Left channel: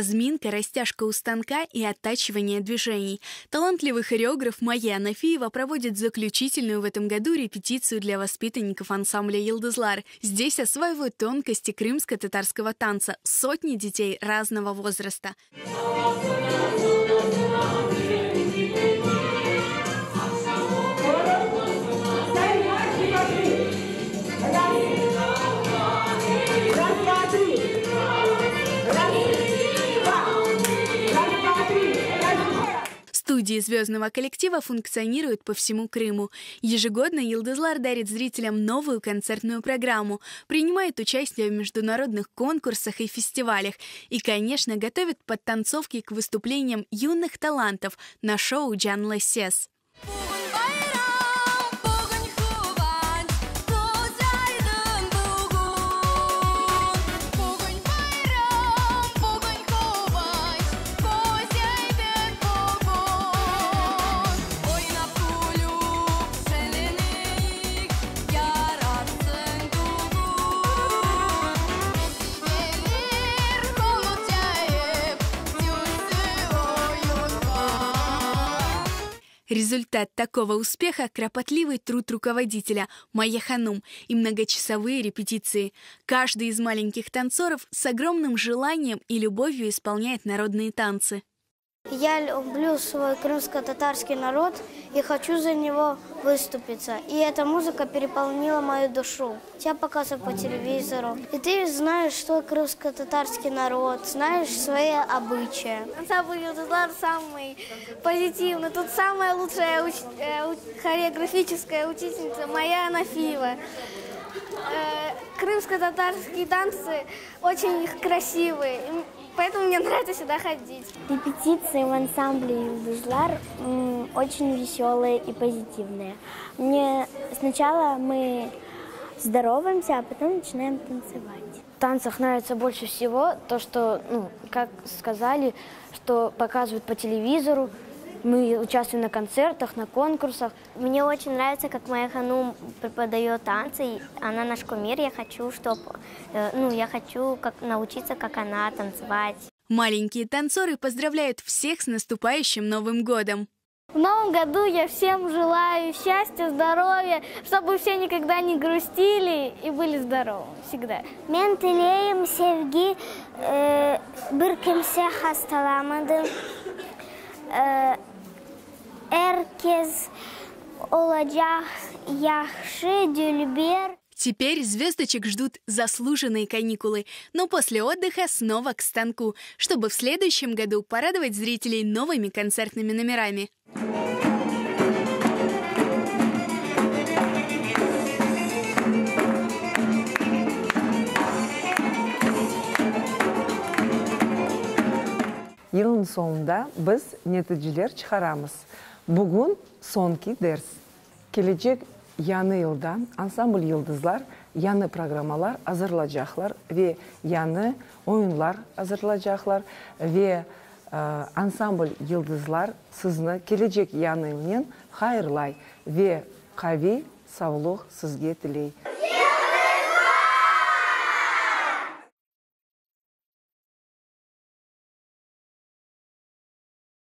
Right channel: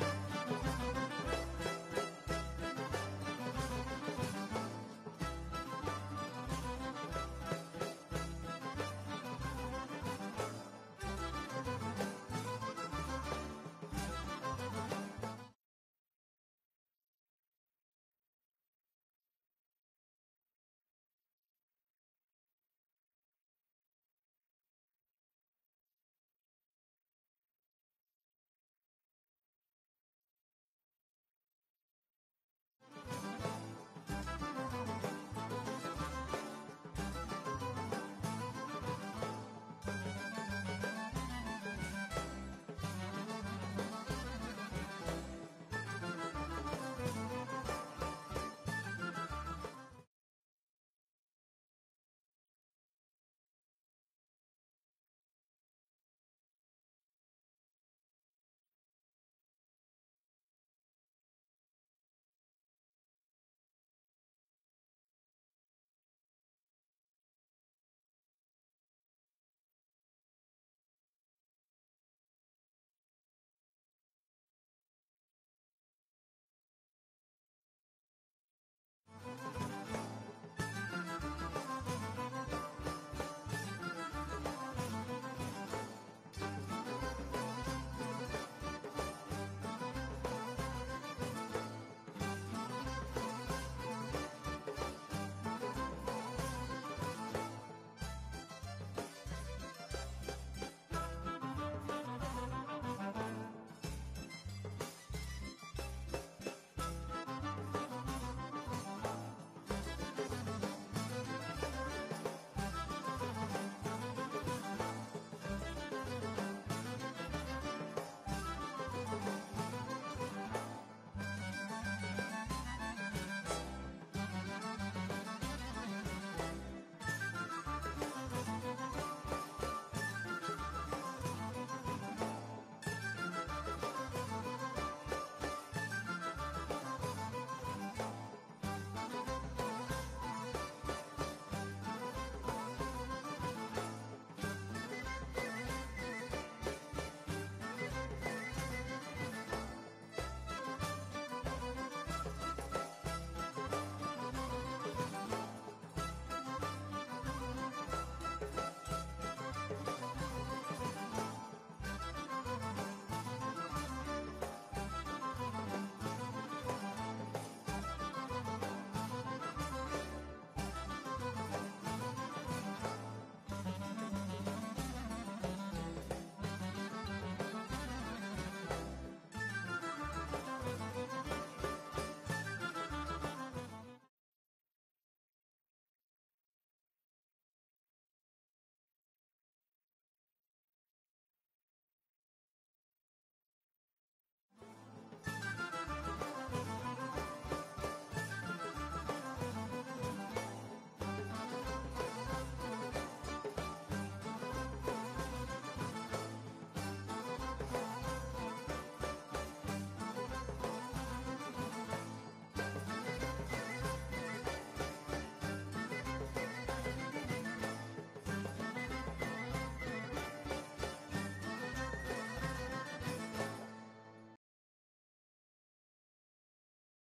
Разминка, растяжка у станка и оттачивание движений. Талантливый хореограф Майя Анафиева проводит заключительную в этом году репетицию для воспитанников ансамбля «Йылдызлар». Здесь осваивают тонкости крымско-татарского танца сотни детей разного возраста. Студии звездного коллектива функционируют по всему Крыму. Ежегодно «Йылдызлар» дарит зрителям новую концертную программу, принимает участие в международных конкурсах и фестивалях и, конечно, готовит подтанцовки к выступлениям юных талантов на шоу «Джанлы Сес». Результат такого успеха – кропотливый труд руководителя Майя Ханум и многочасовые репетиции. Каждый из маленьких танцоров с огромным желанием и любовью исполняет народные танцы. Я люблю свой крымско-татарский народ и хочу за него выступиться. И эта музыка переполнила мою душу. Тебя показывают по телевизору. И ты знаешь, что крымско-татарский народ, знаешь свои обычаи. Ансамбль «Йылдызлар» самый позитивный. Тут самая лучшая хореографическая учительница Майя Анафиева. Крымско-татарские танцы очень красивые. Поэтому мне нравится сюда ходить. Репетиции в ансамбле «Йылдызлар» очень веселые и позитивные. Сначала мы здороваемся, а потом начинаем танцевать. В танцах нравится больше всего то, что, как сказали, что показывают по телевизору. Мы участвуем на концертах, на конкурсах. Мне очень нравится, как Майя Ханум преподает танцы. Она наш кумир. Я хочу, научиться, как она, танцевать. Маленькие танцоры поздравляют всех с наступающим Новым годом. В Новом году я всем желаю счастья, здоровья, чтобы все никогда не грустили и были здоровы всегда. Мен тілейім sevgi, bir kimse hastalamadı. Herkes olacak yaxşı dülber. Теперь звездочек ждут заслуженные каникулы, но после отдыха снова к станку, чтобы в следующем году порадовать зрителей новыми концертными номерами. Yılın sonunda biz neticeler çıkaramız. Bugün sonki ders. Gelecek yanı yıldan Ansambl Yıldızlar yanı programalar hazırlayacaklar ve yanı oyunlar hazırlayacaklar ve Ansambl Yıldızlar sizni gelecek yanının hayırlay ve kavi sağlık sizge dileydi.